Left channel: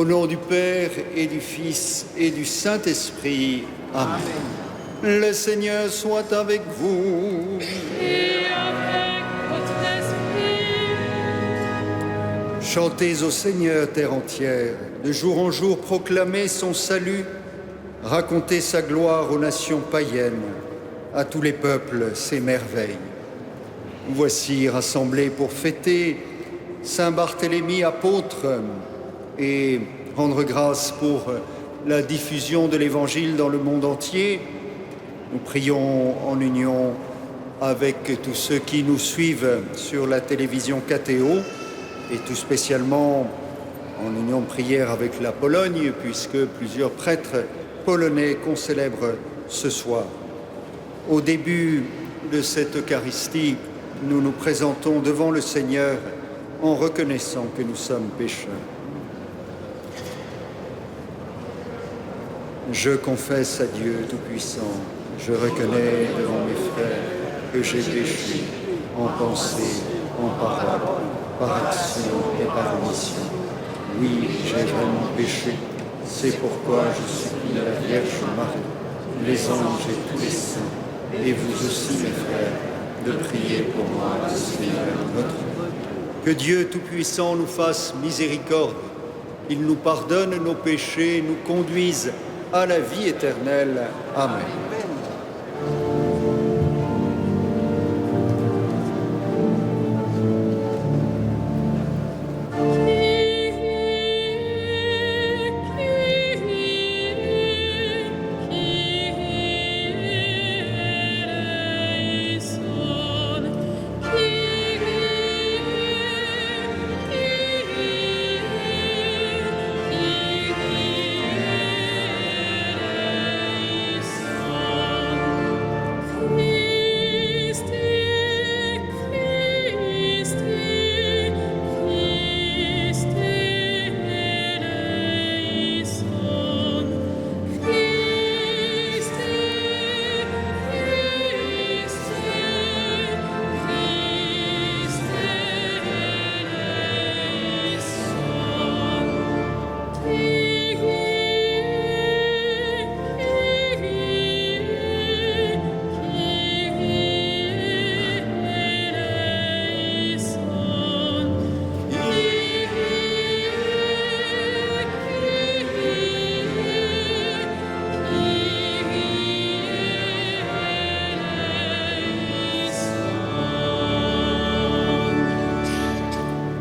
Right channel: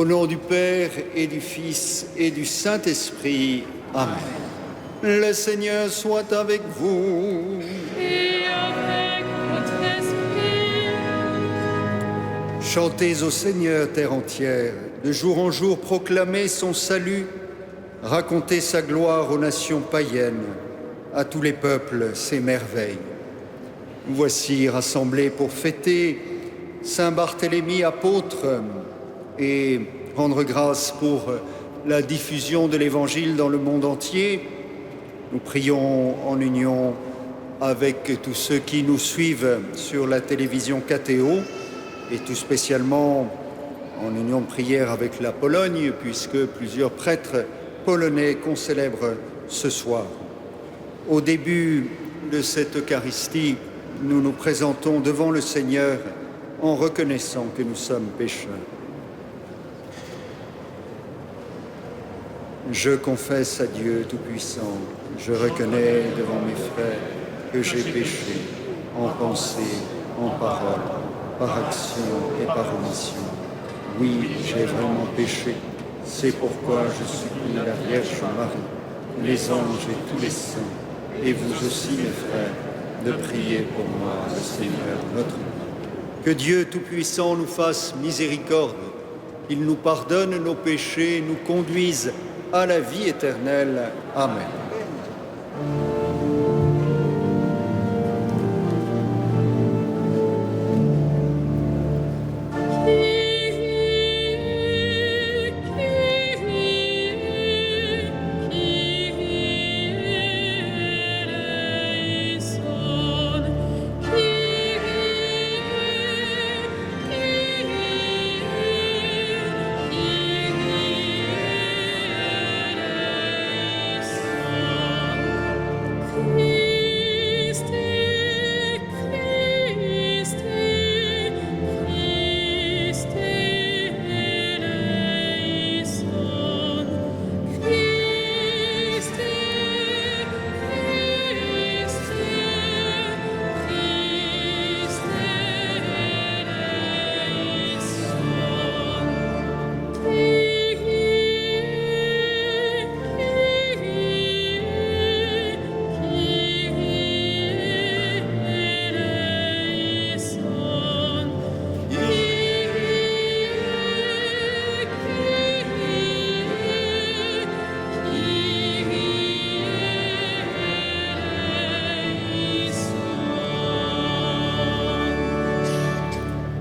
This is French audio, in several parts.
Au nom du Père et du Fils et du Saint-Esprit. Amen. Le Seigneur soit avec vous. Et avec votre esprit. Chantez au Seigneur, terre entière. De jour en jour, proclamez son salut. Racontez sa gloire aux nations païennes, à tous les peuples ses merveilles. Voici rassemblés pour fêter Saint Barthélemy apôtre et rendre grâce pour la diffusion de l'Évangile dans le monde entier. Nous prions en union avec tous ceux qui nous suivent sur la télévision KTO et tout spécialement en union de prière avec la Pologne, puisque plusieurs prêtres polonais qu'on célèbre ce soir. Au début de cette Eucharistie, nous nous présentons devant le Seigneur en reconnaissant que nous sommes pécheurs. Je confesse à Dieu Tout-Puissant, je reconnais devant mes frères que j'ai péché en pensée, en parole, par action et par omission. Oui, j'ai vraiment péché. C'est pourquoi je supplie la Vierge Marie, les anges et tous les saints, et vous aussi, mes frères, de prier pour moi, le Seigneur notre Dieu. Que Dieu Tout-Puissant nous fasse miséricorde, qu'il nous pardonne nos péchés et nous conduise à la vie éternelle. Amen.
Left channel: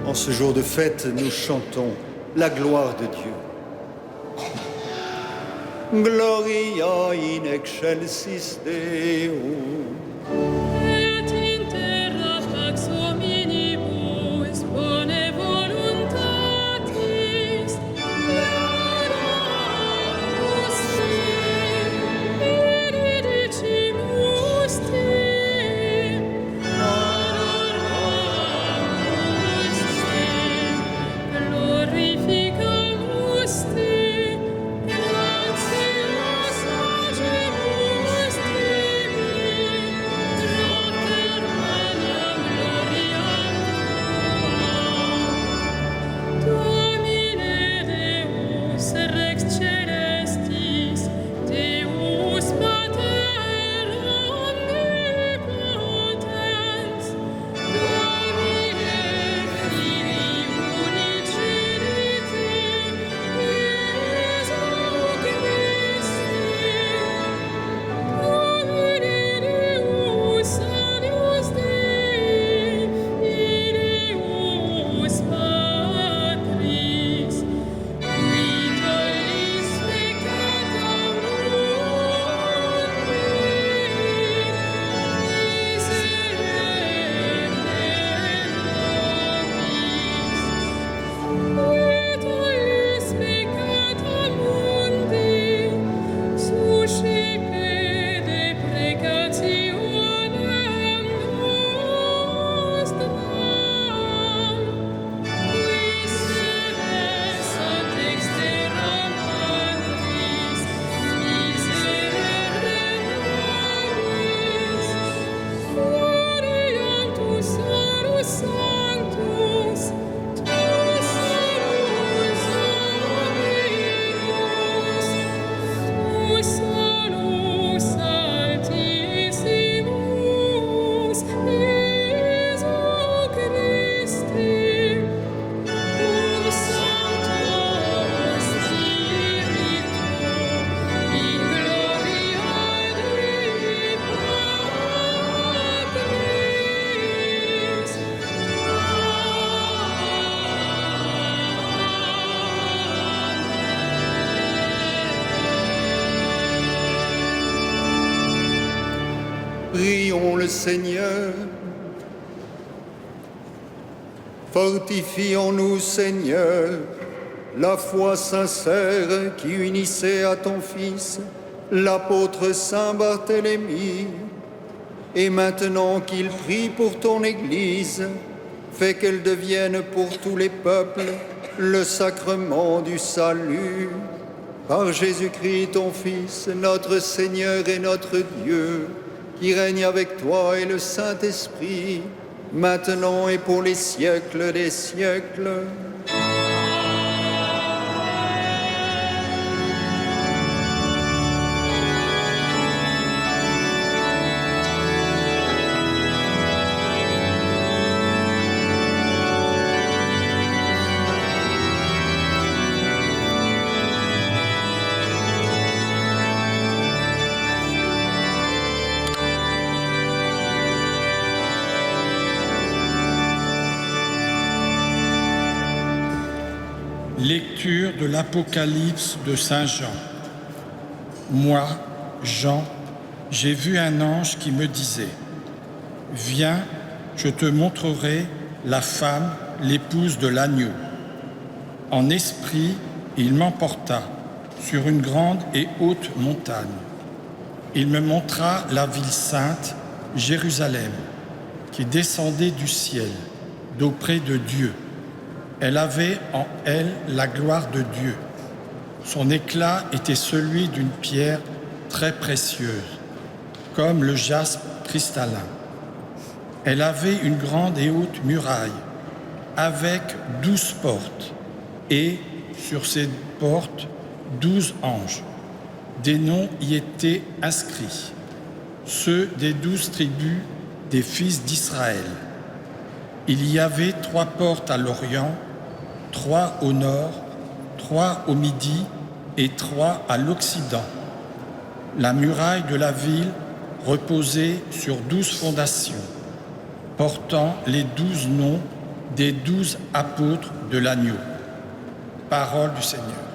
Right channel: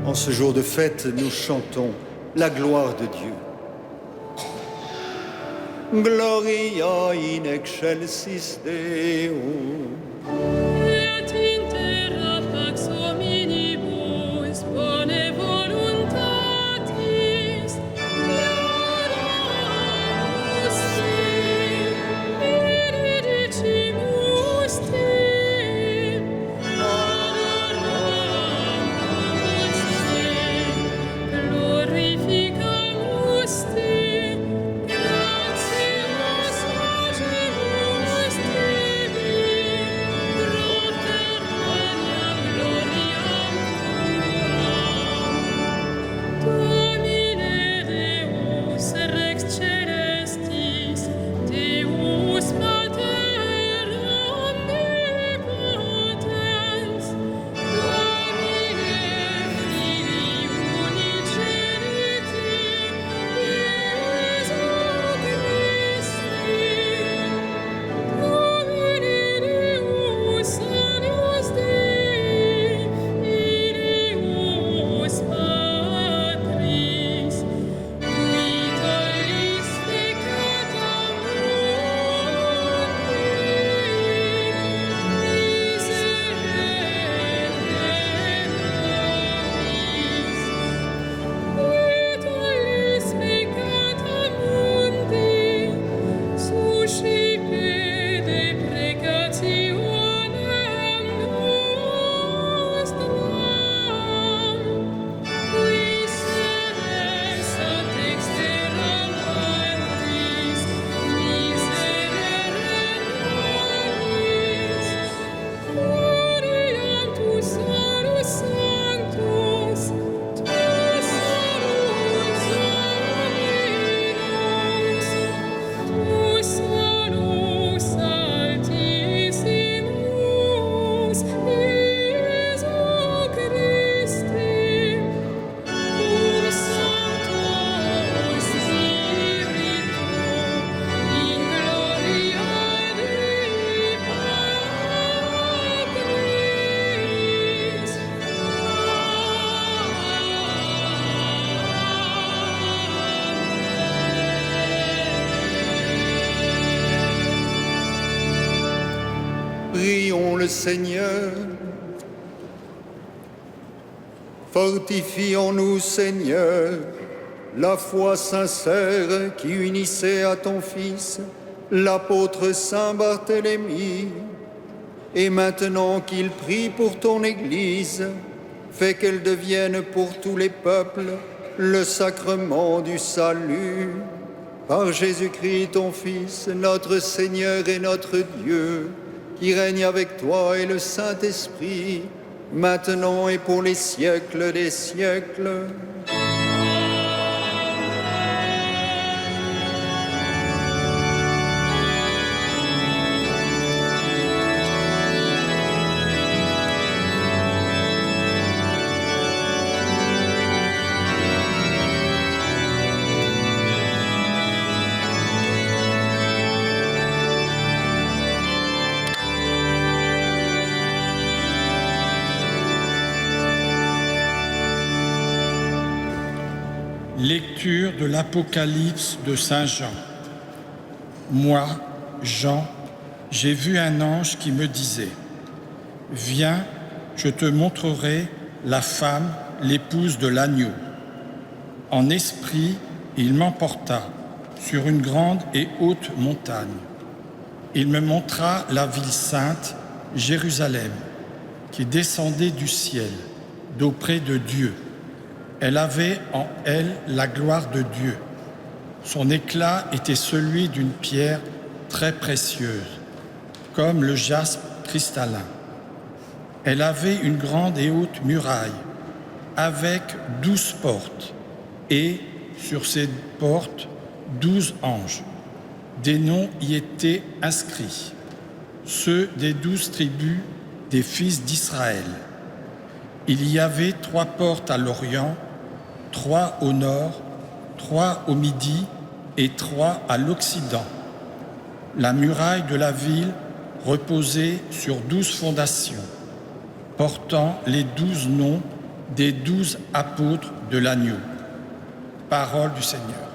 En ce jour de fête, nous chantons la gloire de Dieu. Gloria in excelsis Deo. Et in terra pax hominibus bone voluntatis. Laudamus te, benedicimus te. Adoramus te, glorificamus te. Gratias agemus tibi, Prions le Seigneur. Fortifions-nous, Seigneur, la foi sincère qui unissait à ton Fils, l'apôtre Saint Barthélemy. Et maintenant qu'il prie pour ton Église, fais qu'elle devienne pour tous les peuples le sacrement du salut. Par Jésus-Christ, ton Fils, notre Seigneur et notre Dieu, qui règne avec toi et le Saint-Esprit, maintenant et pour les siècles des siècles. Lecture de l'Apocalypse de Saint Jean. Moi, Jean, j'ai vu un ange qui me disait « Viens, je te montrerai la femme, l'épouse de l'agneau. » En esprit, il m'emporta sur une grande et haute montagne. Il me montra la ville sainte, Jérusalem, qui descendait du ciel, d'auprès de Dieu. Elle avait en elle la gloire de Dieu. Son éclat était celui d'une pierre très précieuse, comme le jaspe cristallin. Elle avait une grande et haute muraille, avec 12 portes, et sur ces portes 12 anges. Des noms y étaient inscrits, ceux des 12 tribus des fils d'Israël. Il y avait 3 portes à l'Orient, 3 au nord, 3 au midi et 3 à l'occident. La muraille de la ville reposait sur 12 fondations, portant les 12 noms des 12 apôtres de l'agneau. Parole du Seigneur.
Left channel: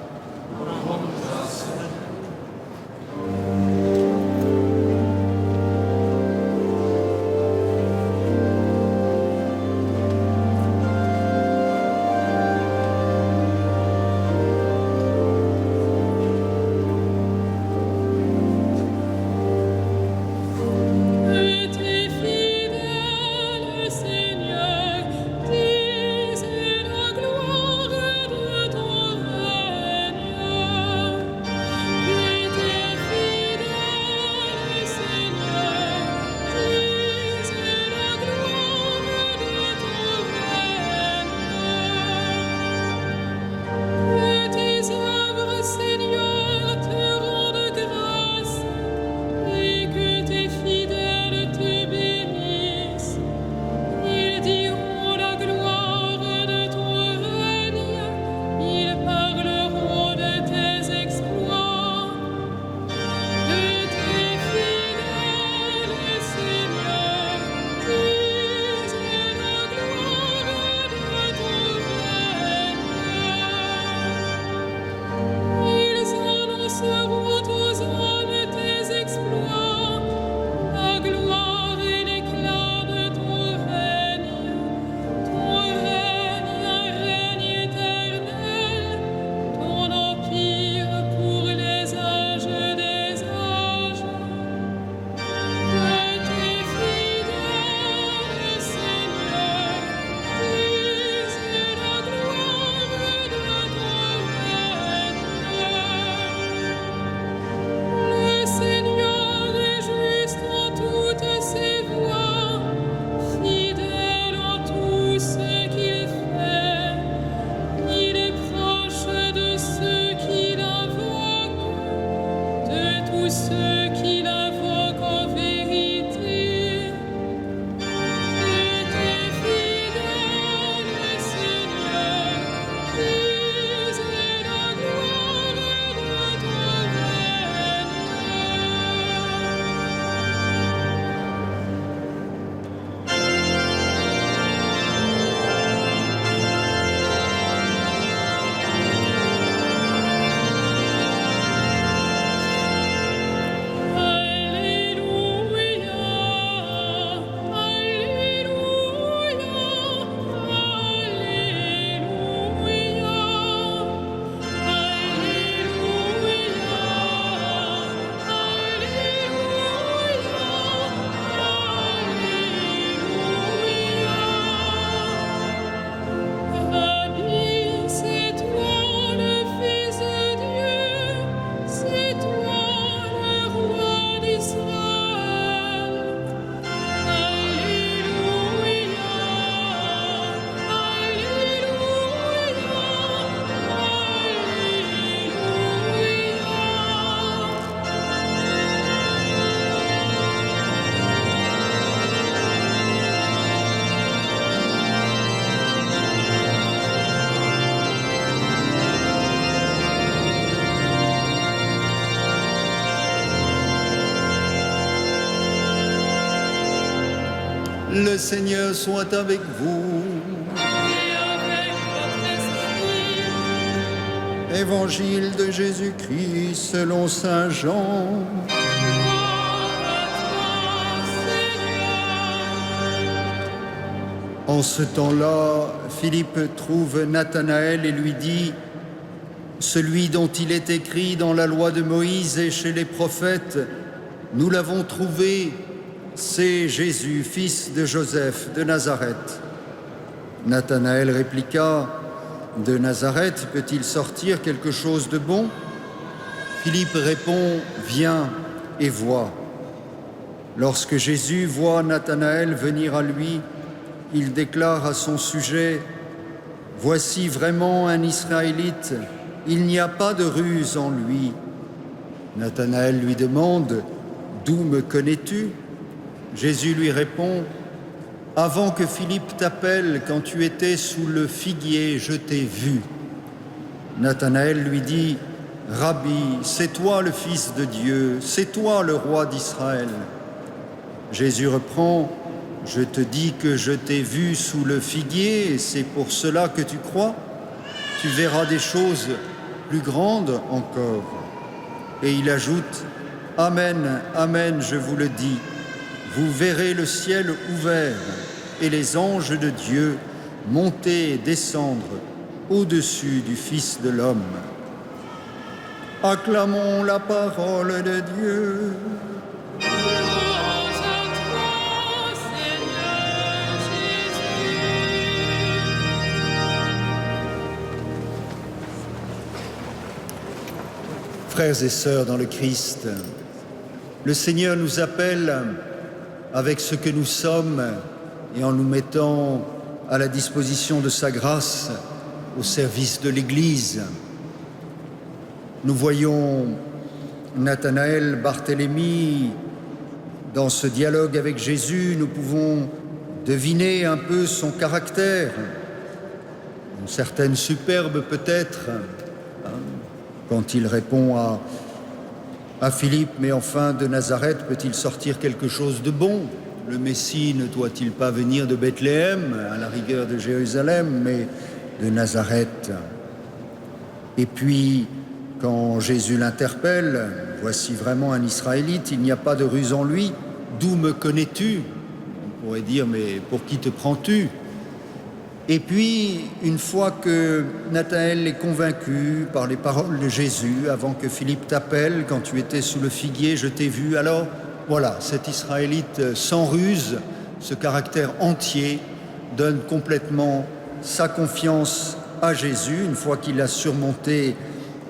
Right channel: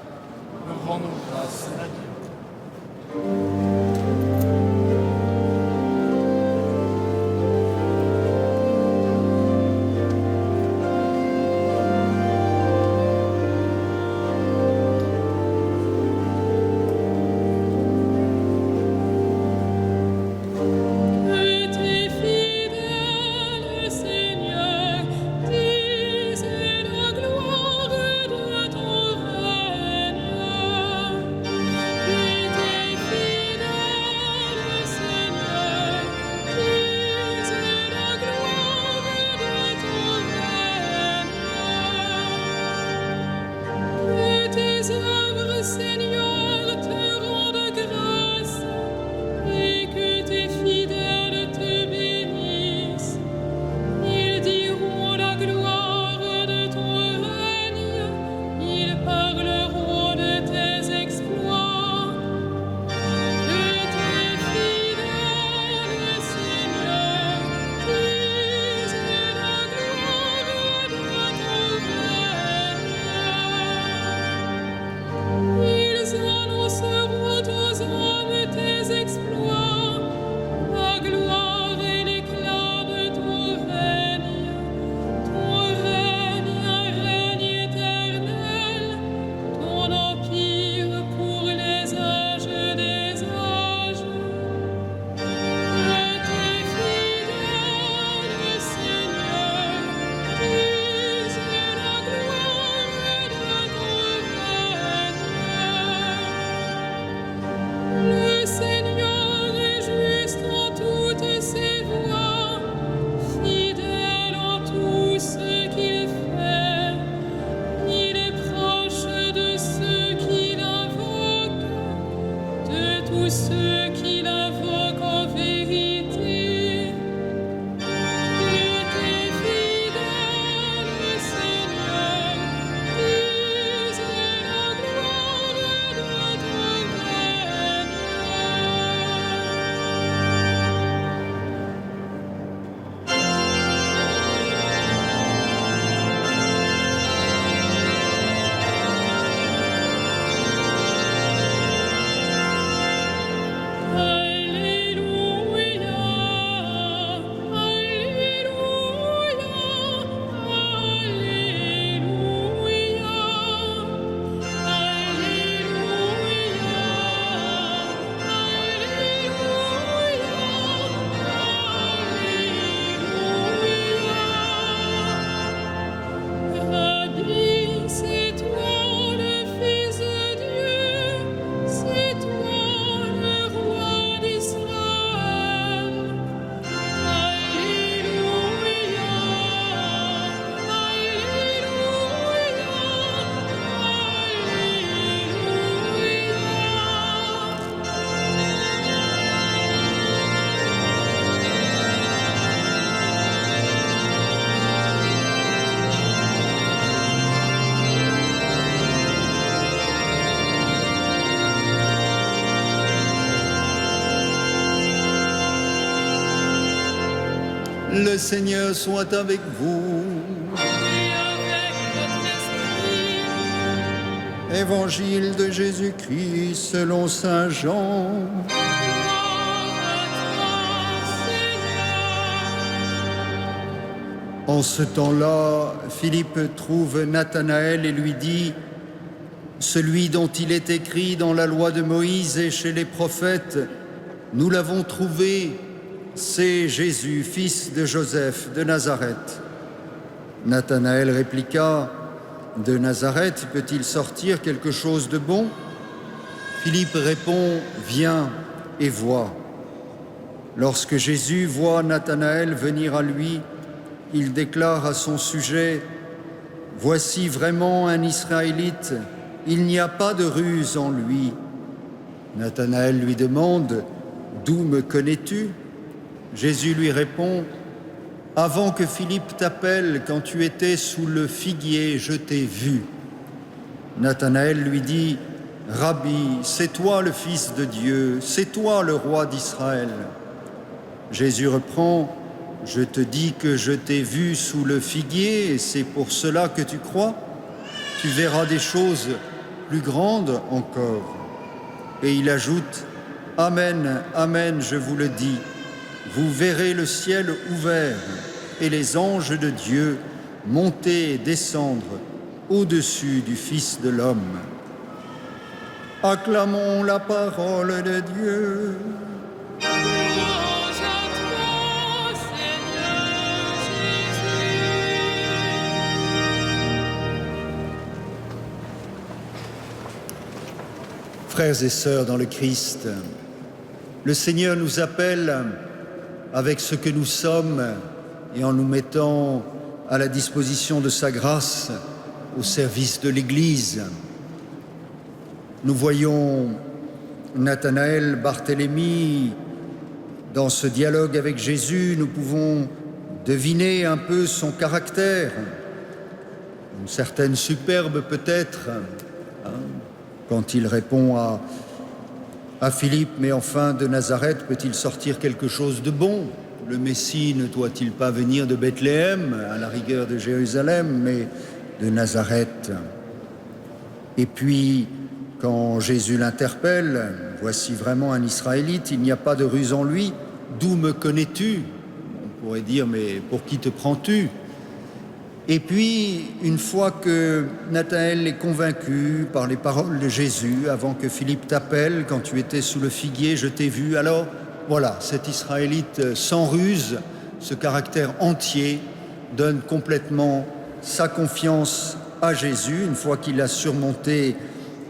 Le Seigneur soit avec vous. et avec votre esprit. Évangile de Jésus-Christ selon saint Jean. Gloire à toi, Seigneur. En ce temps-là, Philippe trouve Nathanaël et lui dit « Celui dont il est écrit dans la loi de Moïse et chez les prophètes, nous l'avons trouvé, c'est Jésus, fils de Joseph de Nazareth. » Nathanaël répliqua « De Nazareth peut-il sortir quelque chose de bon ?» Philippe répond « Viens et vois. » Lorsque Jésus voit Nathanaël venir à lui, il déclare à son sujet « Voici vraiment un Israélite, il n'y a pas de ruse en lui. » Nathanaël lui demande « D'où me connais-tu » Jésus lui répond « Avant que Philippe t'appelle, quand tu étais sous le figuier, je t'ai vu. » Nathanaël lui dit « Rabbi, c'est toi le Fils de Dieu, c'est toi le roi d'Israël. » Jésus reprend « Je te dis que je t'ai vu sous le figuier, et c'est pour cela que tu crois. Tu verras des choses plus grandes encore. » Et il ajoute « Amen, amen, je vous le dis. Vous verrez le ciel ouvert et les anges de Dieu monter et descendre au-dessus du Fils de l'homme. » Acclamons la parole de Dieu. Louange à toi, Seigneur Jésus. Frères et sœurs dans le Christ, le Seigneur nous appelle avec ce que nous sommes et en nous mettant à la disposition de sa grâce au service de l'Église. Nous voyons Nathanaël, Barthélemy, dans ce dialogue avec Jésus, nous pouvons deviner un peu son caractère, une certaine superbe peut-être, quand il répond à Philippe, mais enfin de Nazareth peut-il sortir quelque chose de bon? Le Messie ne doit-il pas venir de Bethléem, à la rigueur de Jérusalem, mais de Nazareth? Et puis, quand Jésus l'interpelle, voici vraiment un Israélite, il n'y a pas de ruse en lui, d'où me connais-tu? On pourrait dire, mais pour qui te prends-tu? Et puis, une fois que Nathanaël est convaincu par les paroles de Jésus, avant que Philippe t'appelle, quand tu étais sous le figuier, je t'ai vu, alors voilà, cet Israélite sans ruse, ce caractère entier, donne complètement sa confiance à Jésus, une fois qu'il a surmonté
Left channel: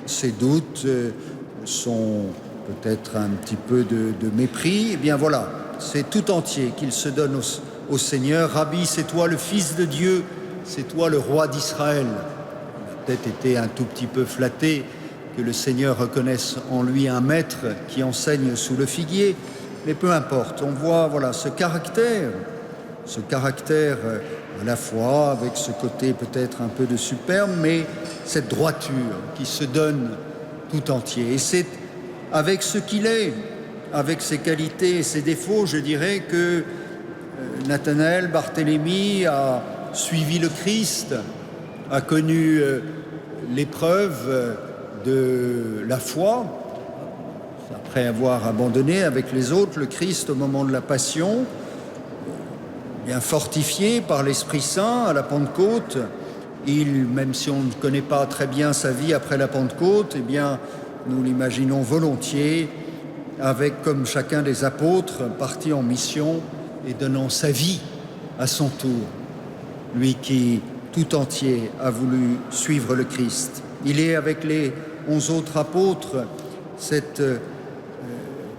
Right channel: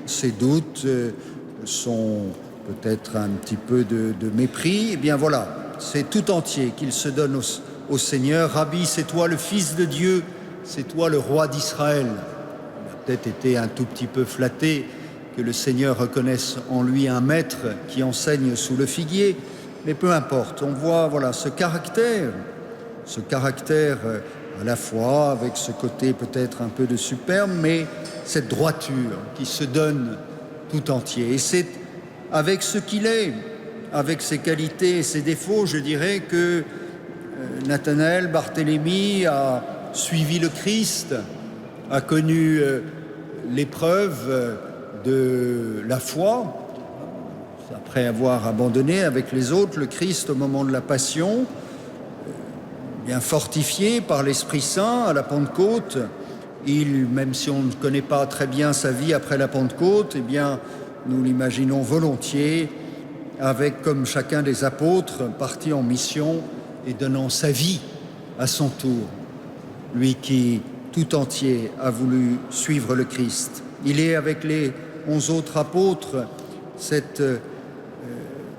ses doutes, son peut-être un petit peu de mépris, et bien voilà, c'est tout entier qu'il se donne au Seigneur. Rabbi, c'est toi le Fils de Dieu, c'est toi le roi d'Israël. Il a peut-être été un tout petit peu flatté que le Seigneur reconnaisse en lui un maître qui enseigne sous le figuier, mais peu importe, on voit voilà, ce caractère à la fois avec ce côté peut-être un peu de superbe, mais cette droiture qui se donne tout entier. Et c'est avec ce qu'il est, avec ses qualités et ses défauts, je dirais que Nathanaël, Barthélemy a suivi le Christ, a connu l'épreuve de la foi, après avoir abandonné avec les autres le Christ au moment de la Passion, bien fortifié par l'Esprit Saint à la Pentecôte. Même si on ne connaît pas très bien sa vie après la Pentecôte, eh bien, nous l'imaginons volontiers avec, comme chacun des apôtres, parti en mission et donnant sa vie à son tour. Lui qui, tout entier, a voulu suivre le Christ. Il est, avec les 11 autres apôtres, cette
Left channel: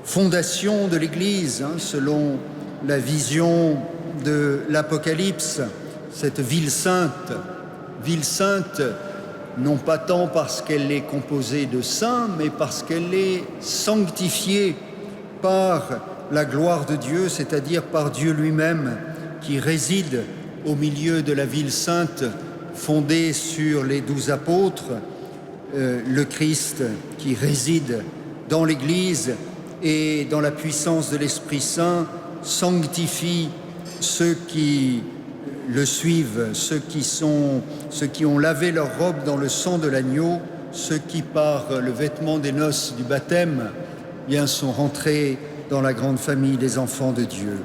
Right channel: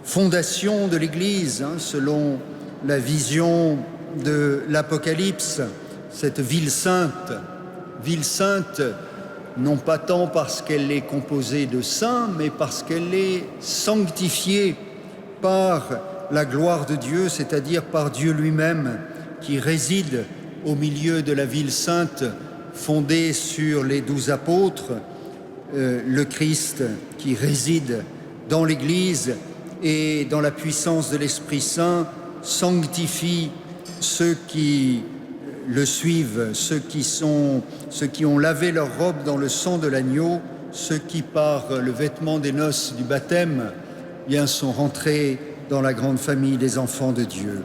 fondation de l'Église, selon la vision de l'Apocalypse, cette ville sainte, non pas tant parce qu'elle est composée de saints, mais parce qu'elle est sanctifiée par la gloire de Dieu, c'est-à-dire par Dieu lui-même, qui réside au milieu de la ville sainte, fondée sur les 12 apôtres, le Christ qui réside dans l'Église et dans la puissance de l'Esprit Saint, sanctifie ceux qui le suivent, ceux qui ont lavé leur robe dans le sang de l'agneau, ceux qui, par le vêtement des noces du baptême, bien sont rentrés dans la grande famille des enfants de Dieu.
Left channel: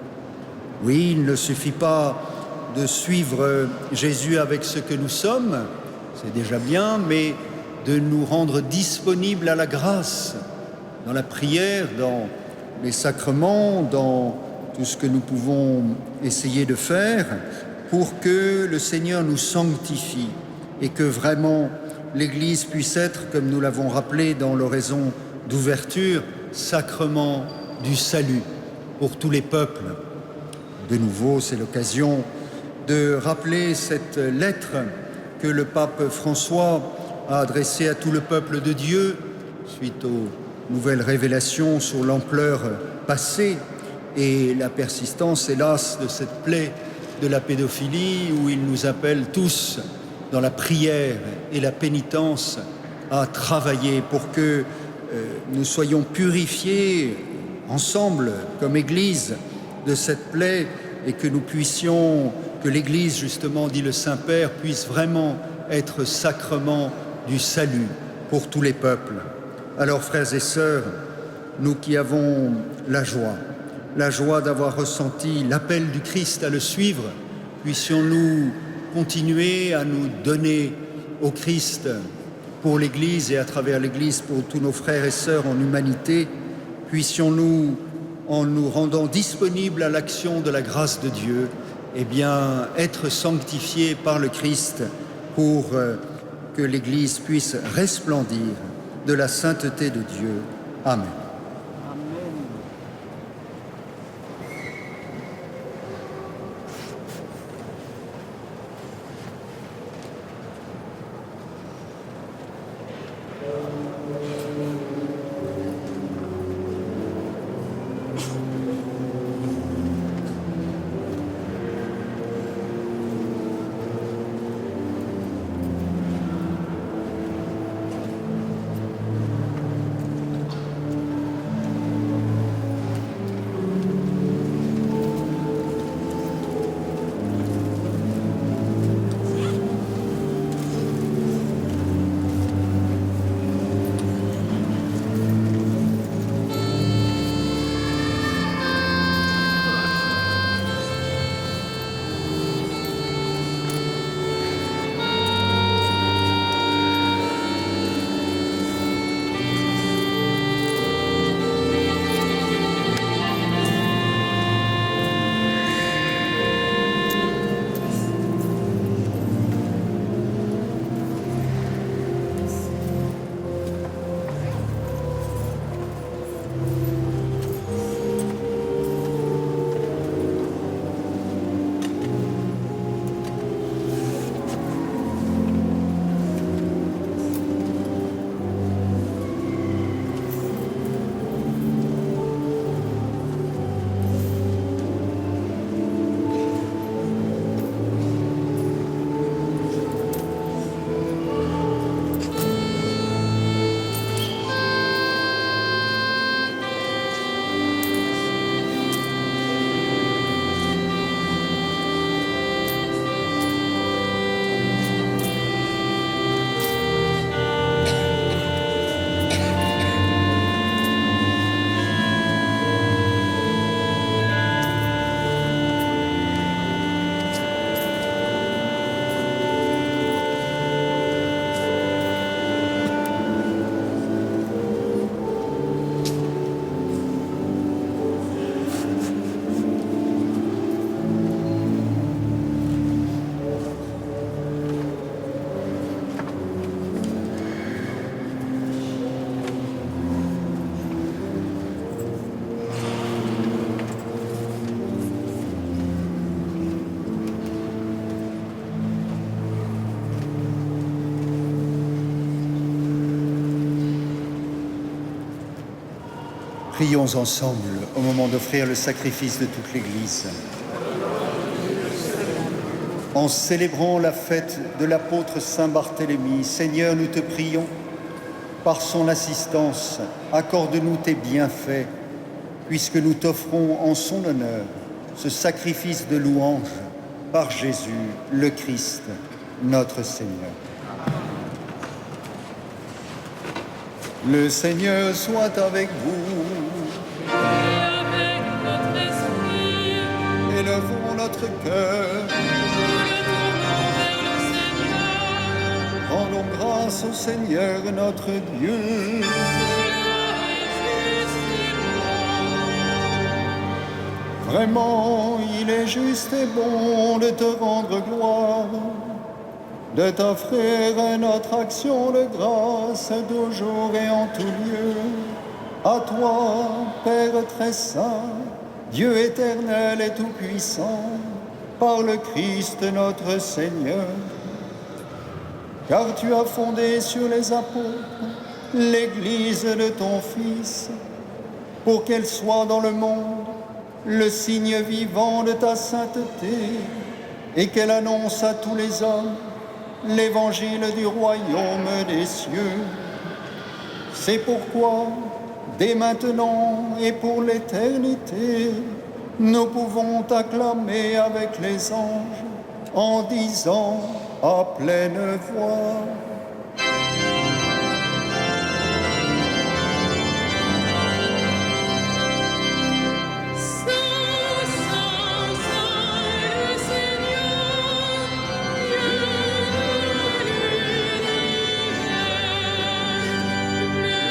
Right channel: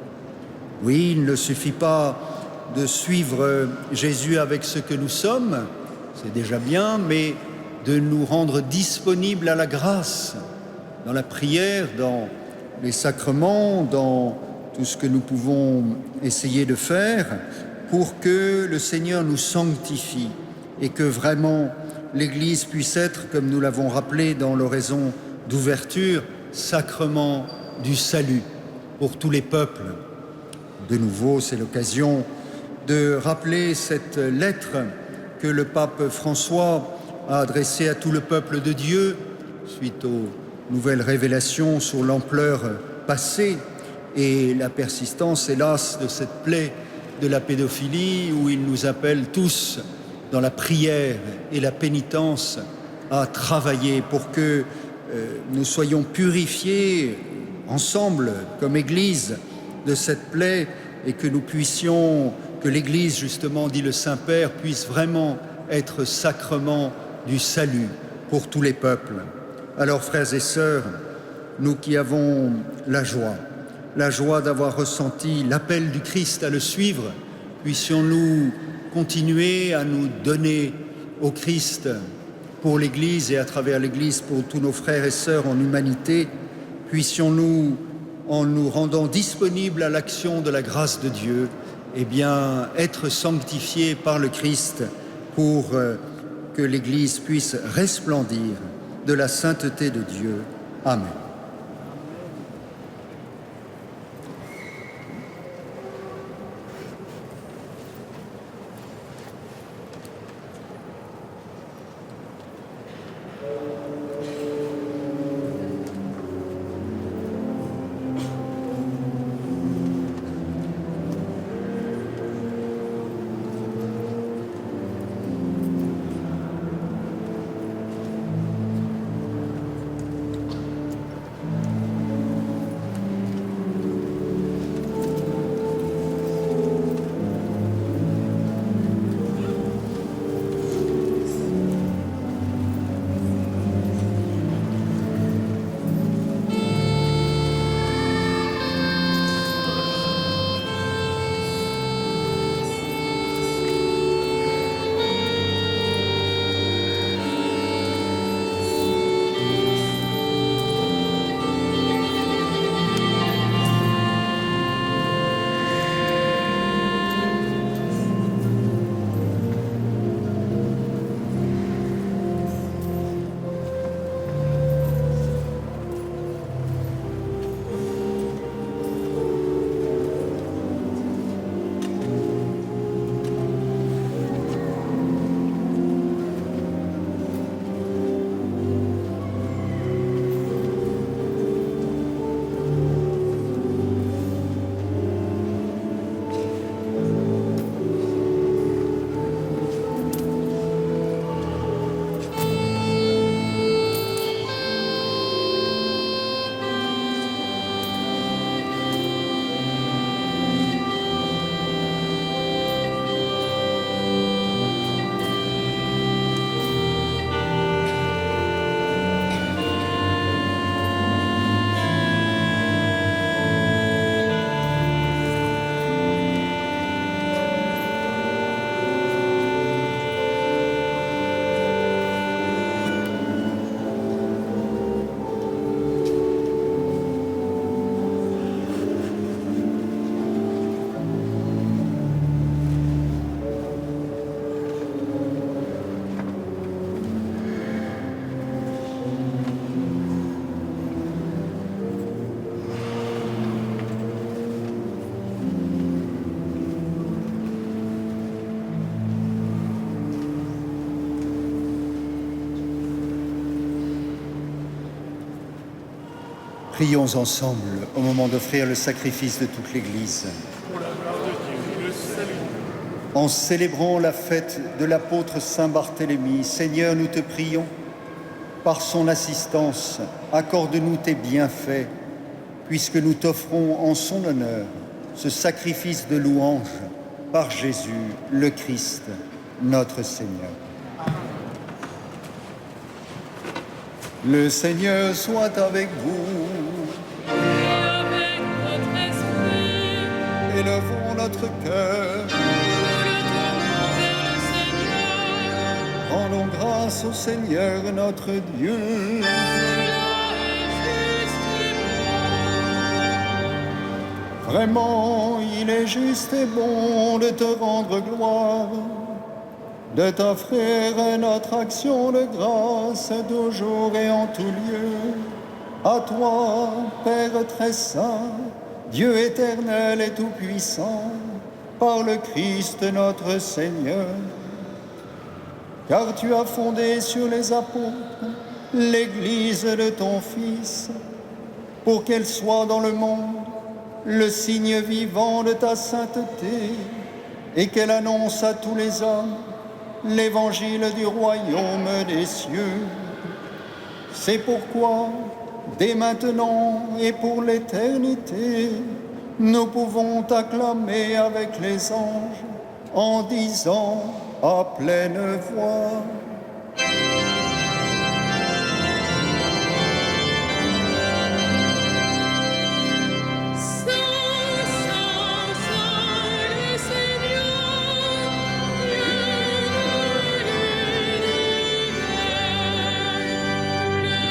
Oui, il ne suffit pas de suivre Jésus avec ce que nous sommes, c'est déjà bien, mais de nous rendre disponibles à la grâce, dans la prière, dans les sacrements, dans tout ce que nous pouvons essayer de faire pour que le Seigneur nous sanctifie et que vraiment l'Église puisse être, comme nous l'avons rappelé dans l'oraison d'ouverture, sacrement du salut pour tous les peuples. De nouveau, c'est l'occasion de rappeler cette lettre que le pape François a adressée à tout le peuple de Dieu suite aux nouvelles révélations sur l'ampleur passée et la persistance, hélas, de cette plaie de la pédophilie où il nous appelle tous dans la prière et la pénitence à travailler pour que nous soyons purifiés ensemble comme Église de cette plaie et que nous puissions, que l'Église justement, dit le Saint-Père, puisse vraiment être sacrement du salut pour tous les peuples. Alors frères et sœurs, nous qui avons la joie d'avoir ressenti l'appel du Christ à le suivre, puissions-nous continuer à nous donner au Christ pour l'Église et à travers l'Église pour tous nos frères et sœurs en humanité, puissions-nous, en nous rendant disponibles à l'action de la grâce de Dieu, eh bien, être sanctifiés par le Christ pour que l'Église puisse resplendir de la sainteté de Dieu. Amen. Prions ensemble au moment d'offrir le sacrifice de toute l'Église. En célébrant la fête de l'apôtre Saint Barthélemy, Seigneur, nous te prions, par son assistance, accorde-nous tes bienfaits, puisque nous t'offrons en son honneur ce sacrifice de louange par Jésus, le Christ, notre Seigneur. Le Seigneur soit avec vous. Et avec notre esprit, Élevons notre cœur. nous le tournons vers le Seigneur. Rendons grâce au Seigneur notre Dieu. Cela est juste et bon. Vraiment, il est juste et bon de te rendre gloire, de t'offrir notre action de grâce toujours et en tout lieu. À toi, Père très saint, Dieu éternel et tout-puissant, par le Christ notre Seigneur. Car tu as fondé sur les apôtres l'Église de ton Fils, pour qu'elle soit dans le monde le signe vivant de ta sainteté, et qu'elle annonce à tous les hommes l'évangile du royaume des cieux. C'est pourquoi, dès maintenant et pour l'éternité, nous pouvons t'acclamer avec les anges en disant à pleine voix: Saint, Saint, Saint, le Seigneur, Dieu de l'univers.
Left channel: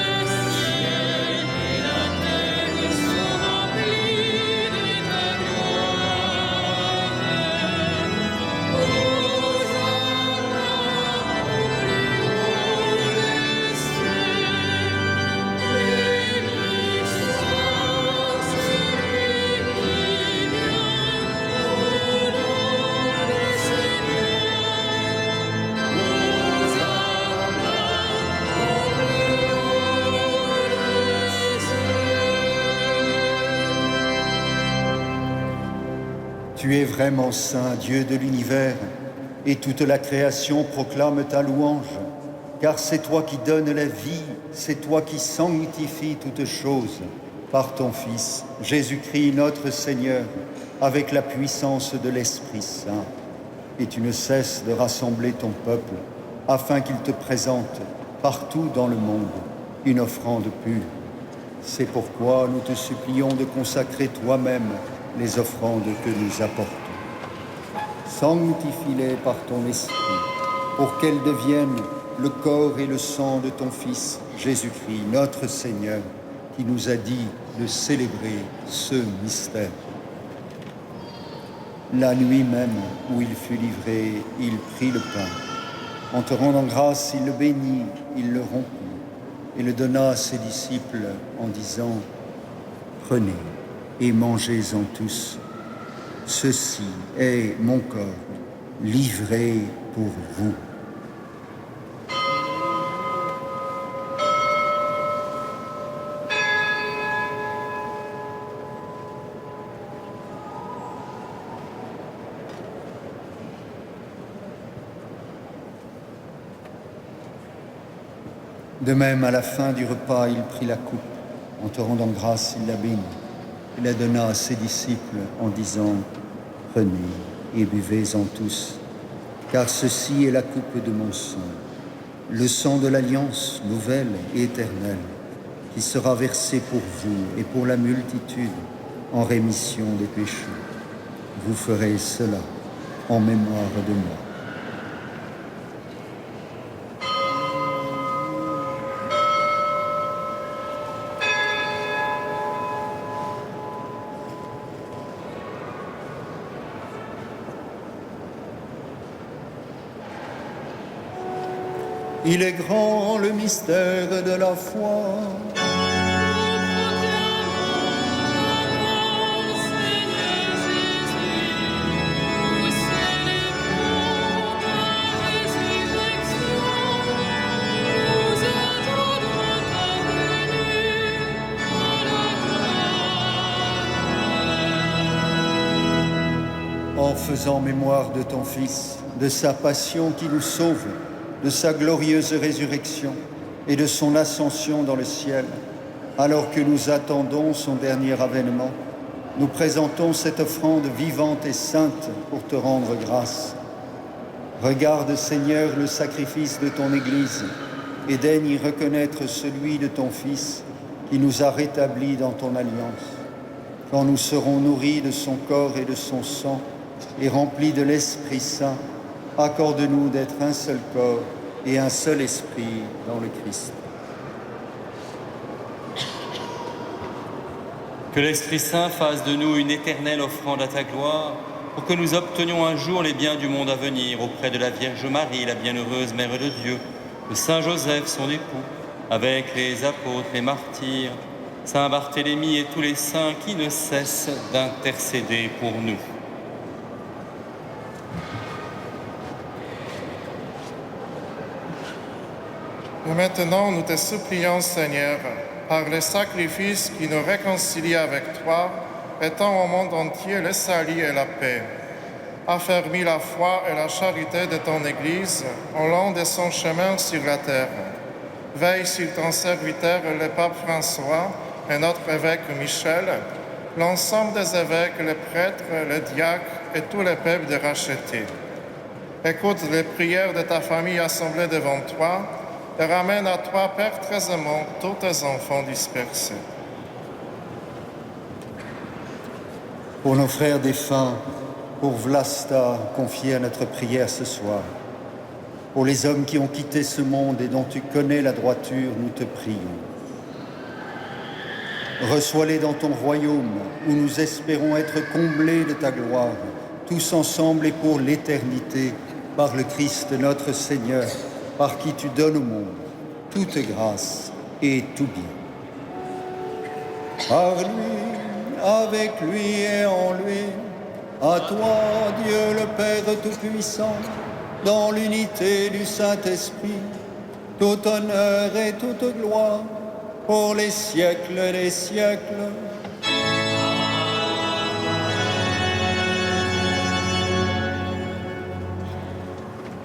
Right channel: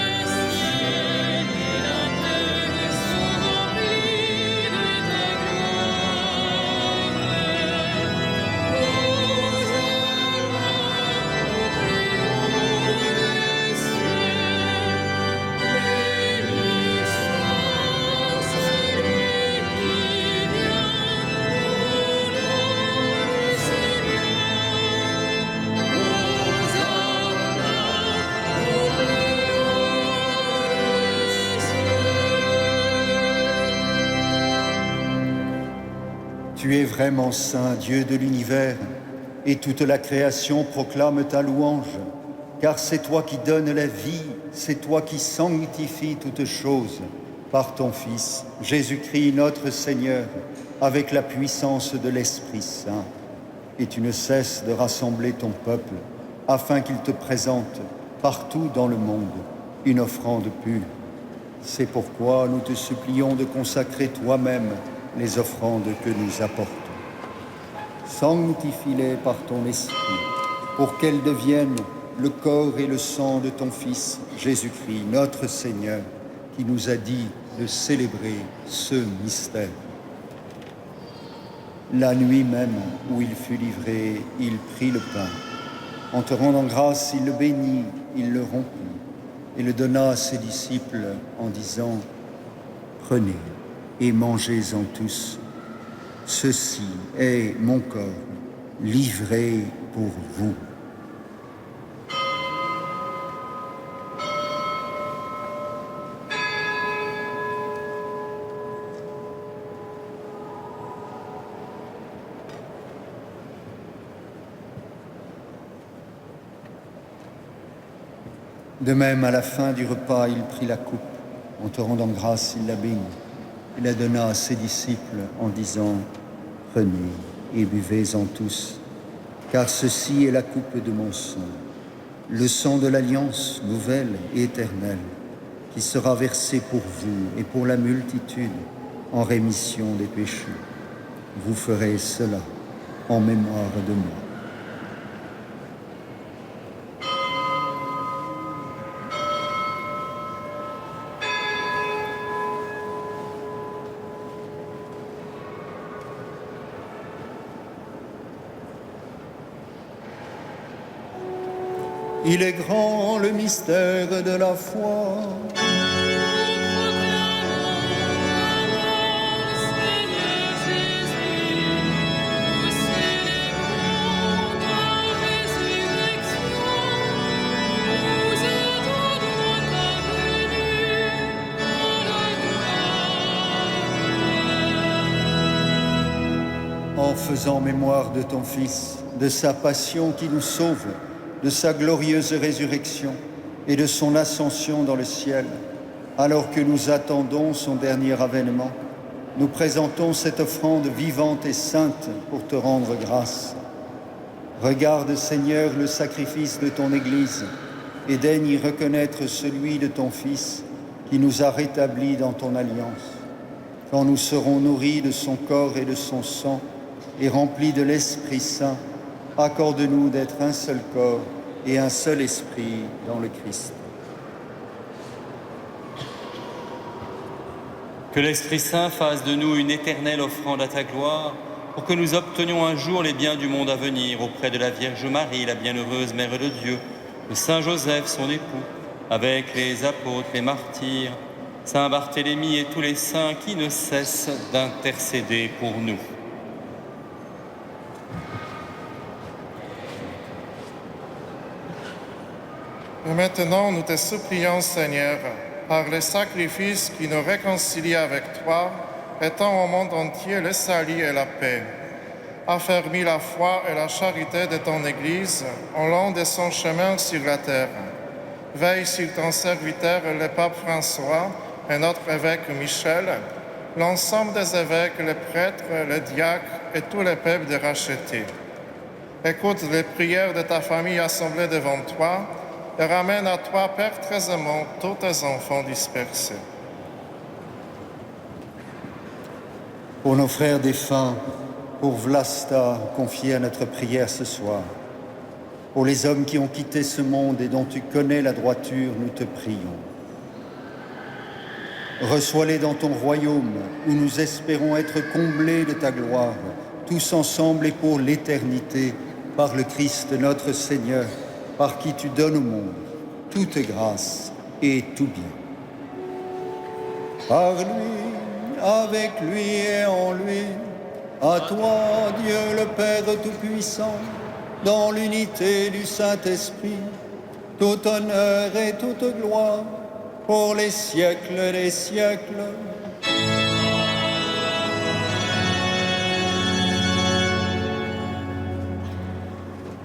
Le ciel et la terre sont remplis de ta gloire. Hosanna au plus haut des cieux. Béni soit celui qui vient au nom du Seigneur. Hosanna au plus haut des cieux. Tu es vraiment saint, Dieu de l'univers, et toute la création proclame ta louange, car c'est toi qui donnes la vie, c'est toi qui sanctifies toutes choses par ton Fils, Jésus-Christ notre Seigneur, avec la puissance de l'Esprit Saint. Et tu ne cesses de rassembler ton peuple, afin qu'il te présente partout dans le monde une offrande pure. C'est pourquoi nous te supplions de consacrer toi-même les offrandes que nous apportons. Sanctifie-les par ton esprit, pour qu'elles deviennent le corps et le sang de ton Fils, Jésus-Christ, notre Seigneur, qui nous a dit de célébrer ce mystère. La nuit même où il fut livré, il prit le pain. En te rendant grâce, il le bénit, il le rompit et le donna à ses disciples en disant: Prenez et mangez-en tous. Ceci est mon corps livré pour vous. De même, à la fin du repas, il prit la coupe. En te rendant grâce, il la bénit. Il la donna à ses disciples en disant: Prenez et buvez-en tous, car ceci est la coupe de mon sang, le sang de l'alliance nouvelle et éternelle, qui sera versé pour vous et pour la multitude en rémission des péchés. Vous ferez cela en mémoire de moi. Il est grand le mystère de la foi. Nous proclamons ta mort, Seigneur Jésus. Nous célébrons ta résurrection. Nous attendons ta venue dans la gloire. En faisant mémoire de ton Fils, de sa passion qui nous sauve, de sa glorieuse résurrection et de son ascension dans le ciel, alors que nous attendons son dernier avènement, nous présentons cette offrande vivante et sainte pour te rendre grâce. Regarde, Seigneur, le sacrifice de ton Église et daigne y reconnaître celui de ton Fils qui nous a rétablis dans ton alliance. Quand nous serons nourris de son corps et de son sang et remplis de l'Esprit Saint, accorde-nous d'être un seul corps et un seul esprit dans le Christ. Que l'Esprit Saint fasse de nous une éternelle offrande à ta gloire, pour que nous obtenions un jour les biens du monde à venir auprès de la Vierge Marie, la bienheureuse Mère de Dieu, de Saint Joseph, son époux, avec les apôtres, les martyrs, Saint Barthélemy et tous les saints qui ne cessent d'intercéder pour nous. Et maintenant, nous te supplions, Seigneur, par le sacrifice qui nous réconcilie avec toi, étends au monde entier le salut et la paix. Affermis la foi et la charité de ton Église au long de son chemin sur la terre. Veille sur ton serviteur, le pape François, et notre évêque Michel, l'ensemble des évêques, les prêtres, les diacres et tous les peuples de racheter. Écoute les prières de ta famille assemblée devant toi et ramène à toi perpétuellement tous tes enfants dispersés. Pour nos frères défunts, pour Vlasta, confié à notre prière ce soir, pour les hommes qui ont quitté ce monde et dont tu connais la droiture, nous te prions. Reçois-les dans ton royaume, où nous espérons être comblés de ta gloire, tous ensemble et pour l'éternité, par le Christ notre Seigneur, par qui tu donnes au monde toute grâce et tout bien. Par lui, avec lui et en lui, à toi, Dieu le Père Tout-Puissant, dans l'unité du Saint-Esprit, tout honneur et toute gloire, pour les siècles des siècles.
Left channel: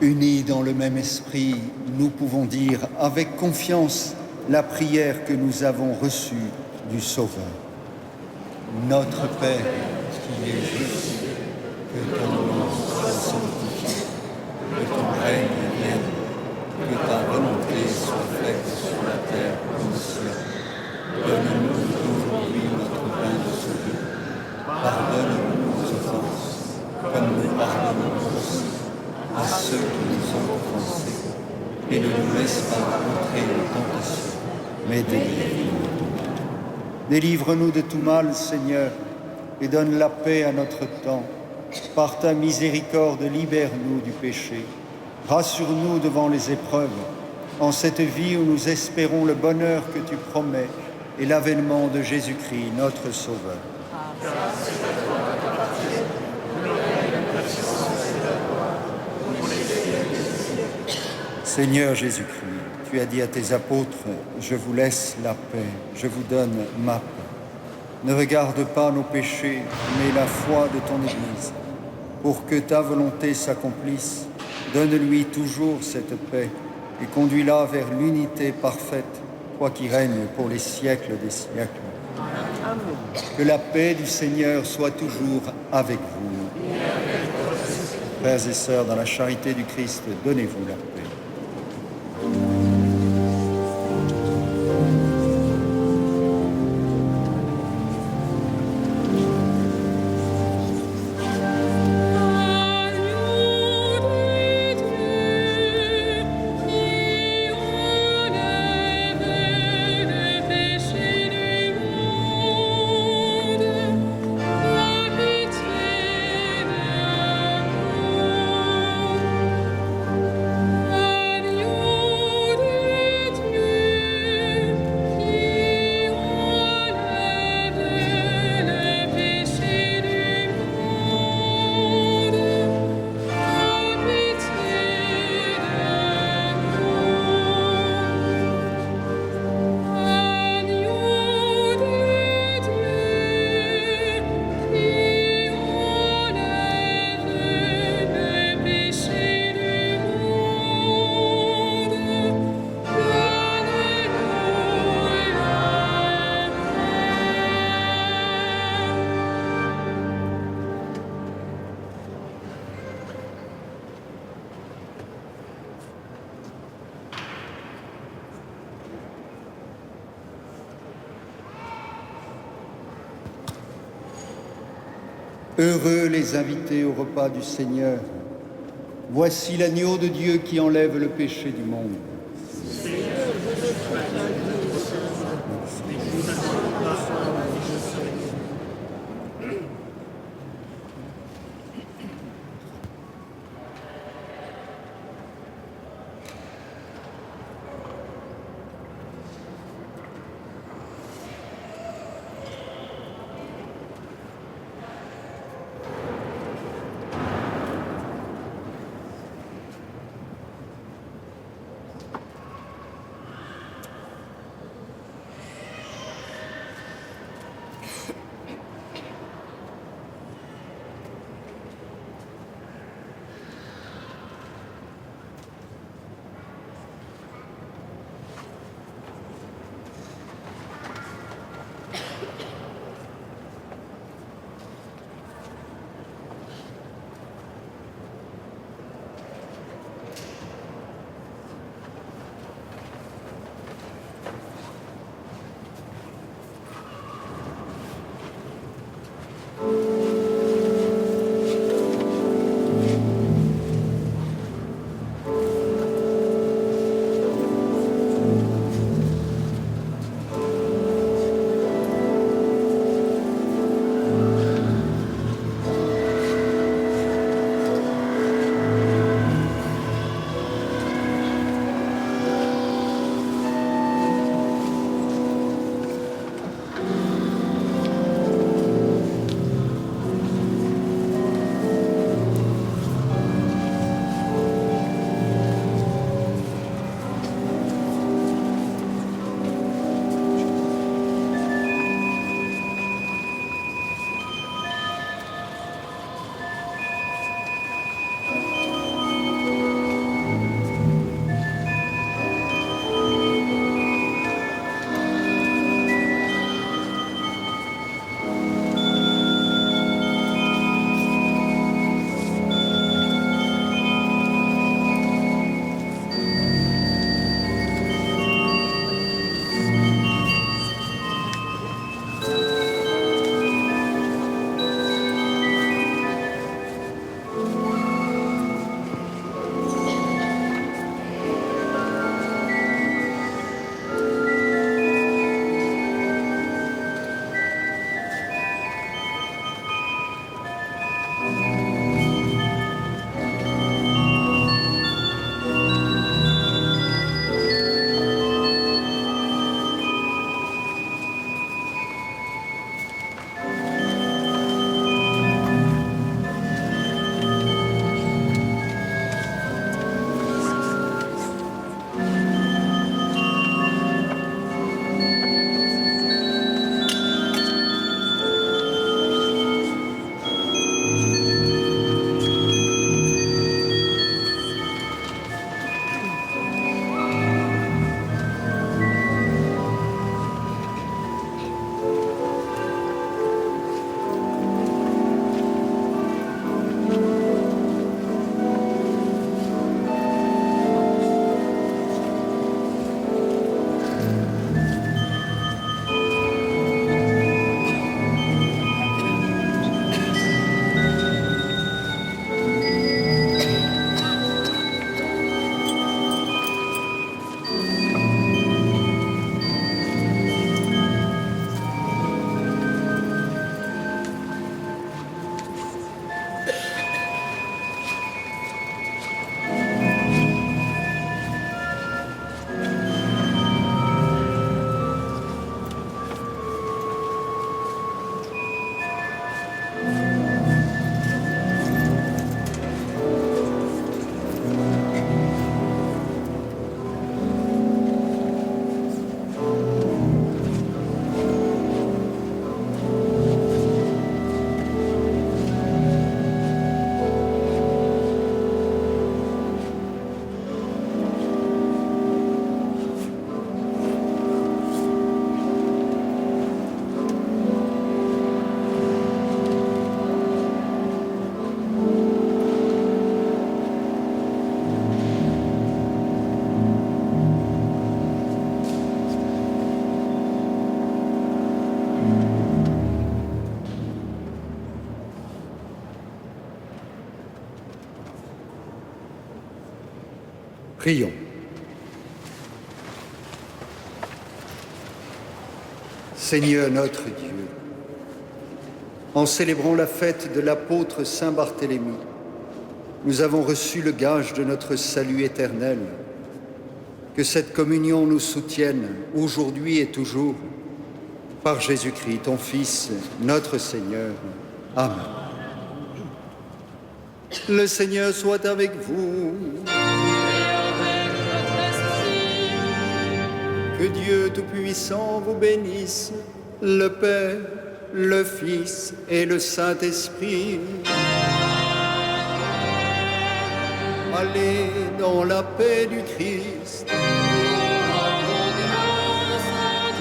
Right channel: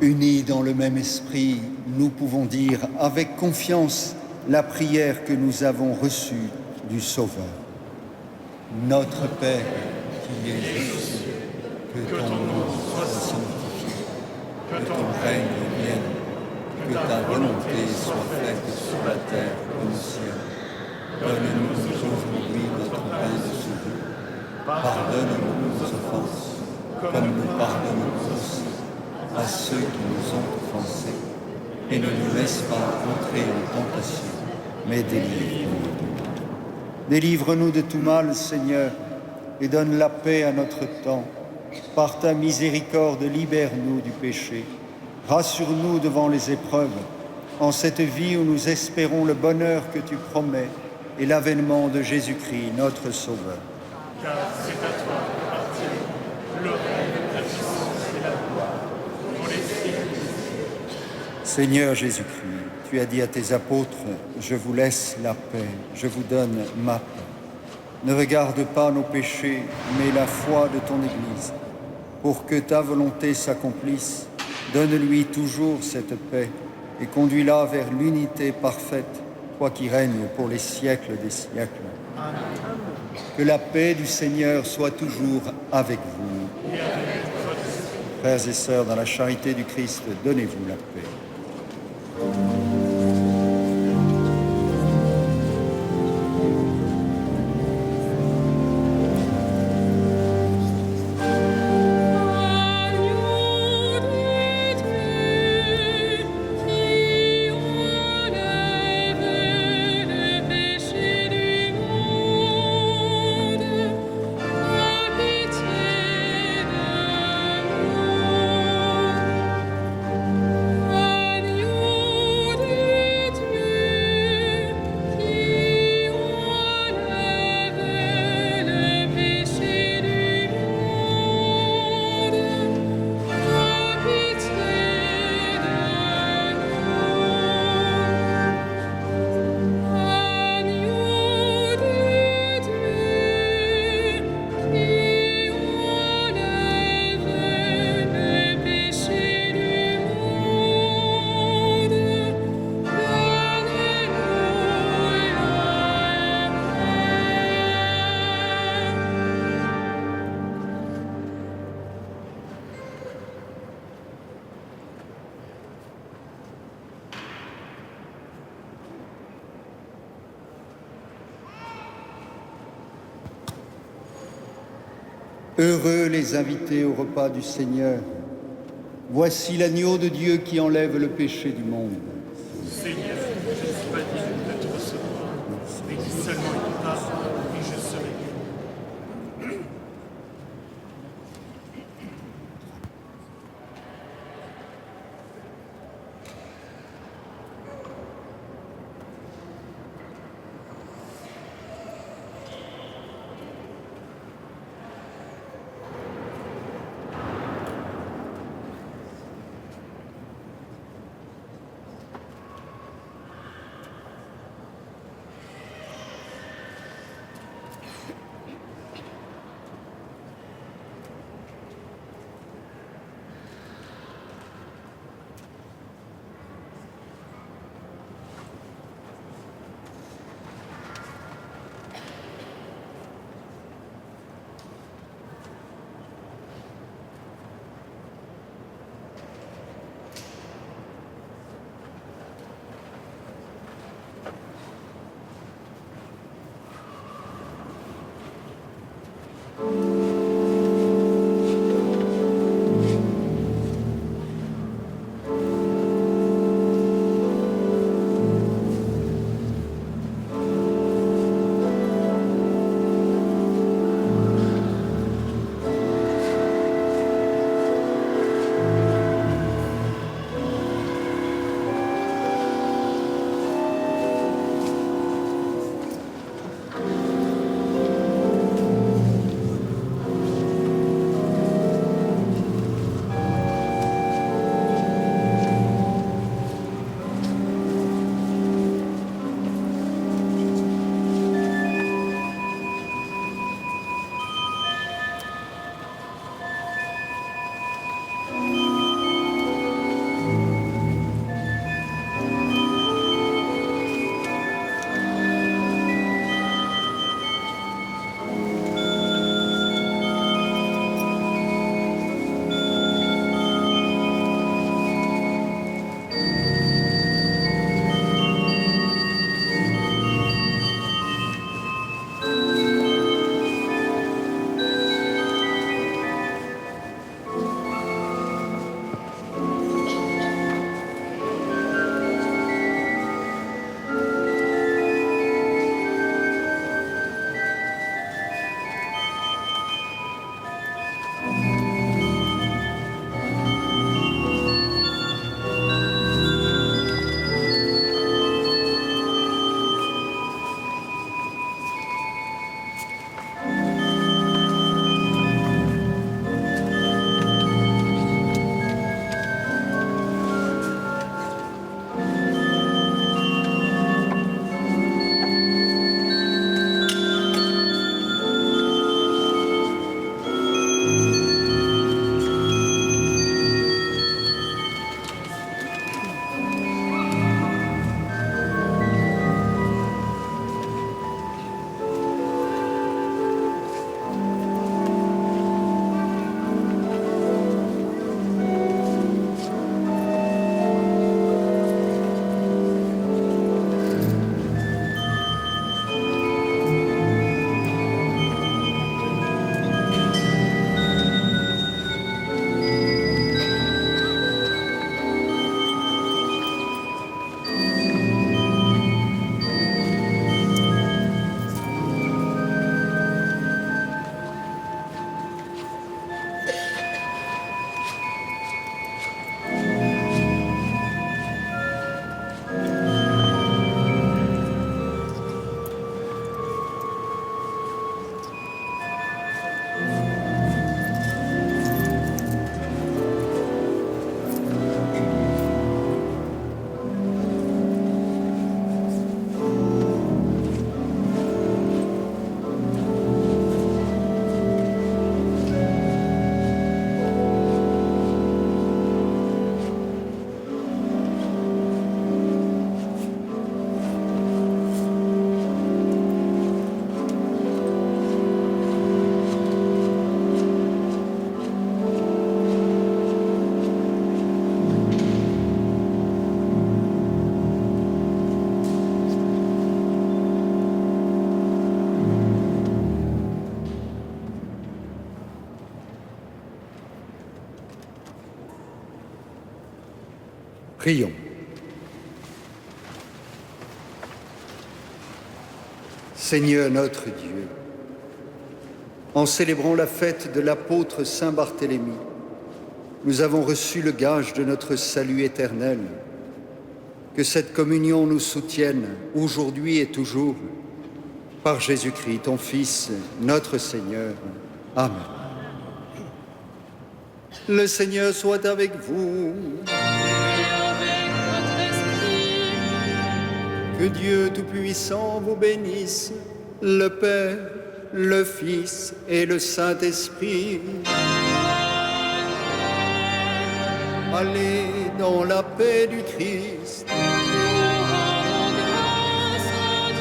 Unis dans le même esprit, nous pouvons dire avec confiance la prière que nous avons reçue du Sauveur. Notre Père, qui es juste, que ton nom soit sanctifié, que ton règne vienne, que ta volonté soit faite sur la terre comme au ciel. Donne-nous aujourd'hui notre pain de ce jour. Pardonne-nous nos offenses, comme nous pardonnons aussi à ceux qui nous ont offensés. Et ne nous laisse pas entrer en tentation, mais délivre-nous de tout mal. Délivre-nous de tout mal, Seigneur, et donne la paix à notre temps. Par ta miséricorde, libère-nous du péché. Rassure-nous devant les épreuves, en cette vie où nous espérons le bonheur que tu promets et l'avènement de Jésus-Christ, notre Sauveur. Seigneur Jésus-Christ, tu as dit à tes apôtres, « Je vous laisse la paix, je vous donne ma paix. » Ne regarde pas nos péchés, mais la foi de ton Église. Pour que ta volonté s'accomplisse, donne-lui toujours cette paix et conduis-la vers l'unité parfaite, toi qui règnes pour les siècles des siècles. Que la paix du Seigneur soit toujours avec vous. Frères et sœurs, dans la charité du Christ, donnez-vous la paix. Pitié de nous. Heureux les invités au repas du Seigneur. Voici l'agneau de Dieu qui enlève le péché du monde. Prions. Seigneur notre Dieu, en célébrant la fête de l'apôtre Saint Barthélemy, nous avons reçu le gage de notre salut éternel. Que cette communion nous soutienne aujourd'hui et toujours. Par Jésus-Christ, ton Fils, notre Seigneur. Amen. Le Seigneur soit avec vous. Et avec votre esprit. Que Dieu Tout-Puissant vous bénisse, le Père, le Fils et le Saint-Esprit. Allez dans la paix du Christ. Nous rendons grâce à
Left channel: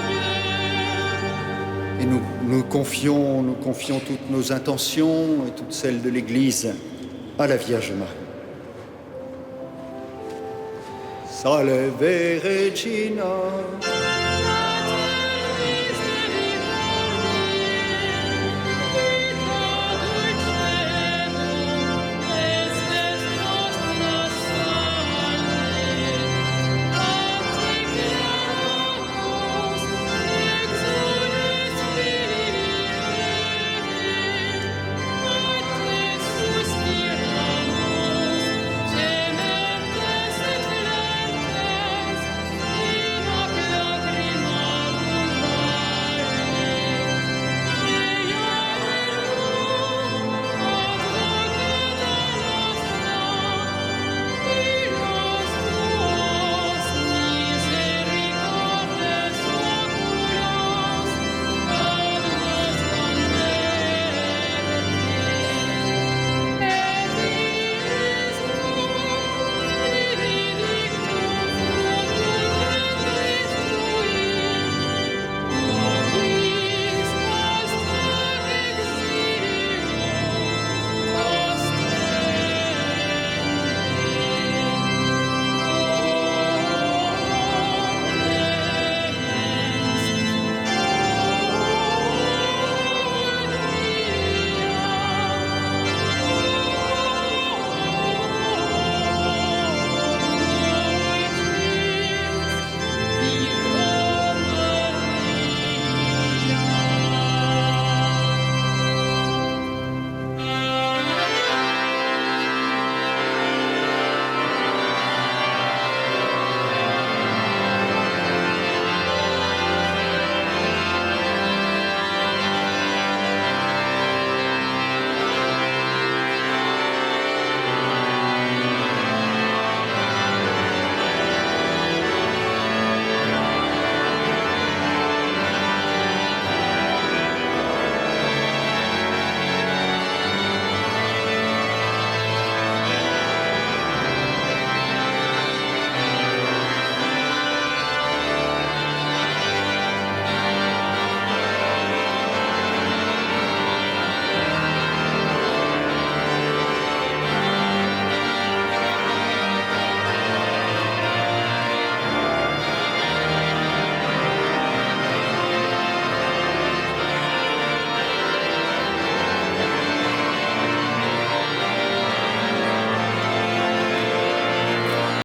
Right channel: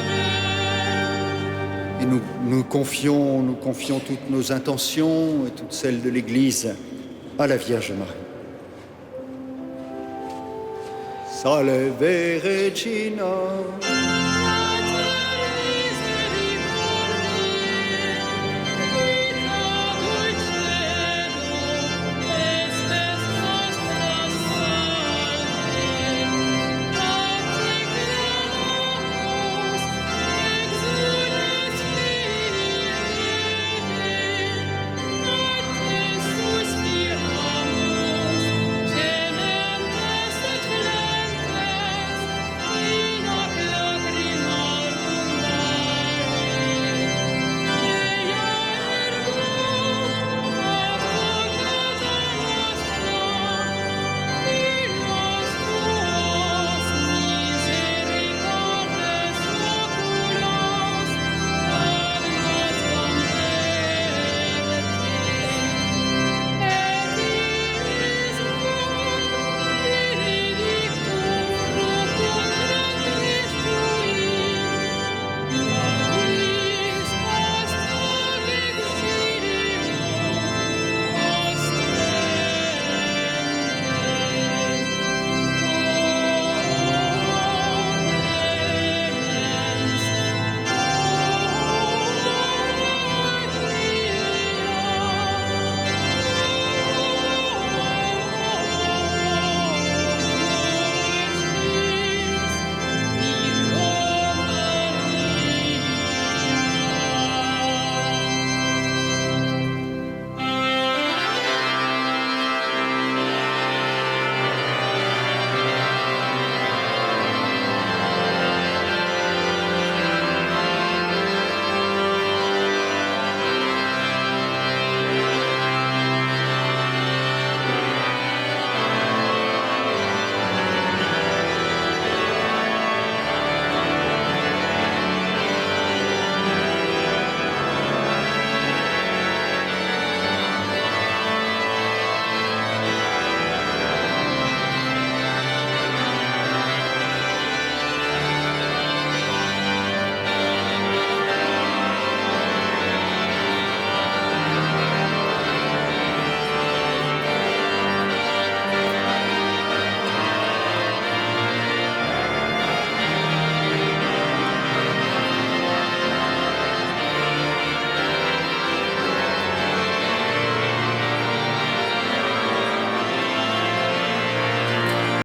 Dieu. Et nous confions toutes nos intentions et toutes celles de l'Église à la Vierge Marie. Salve Regina.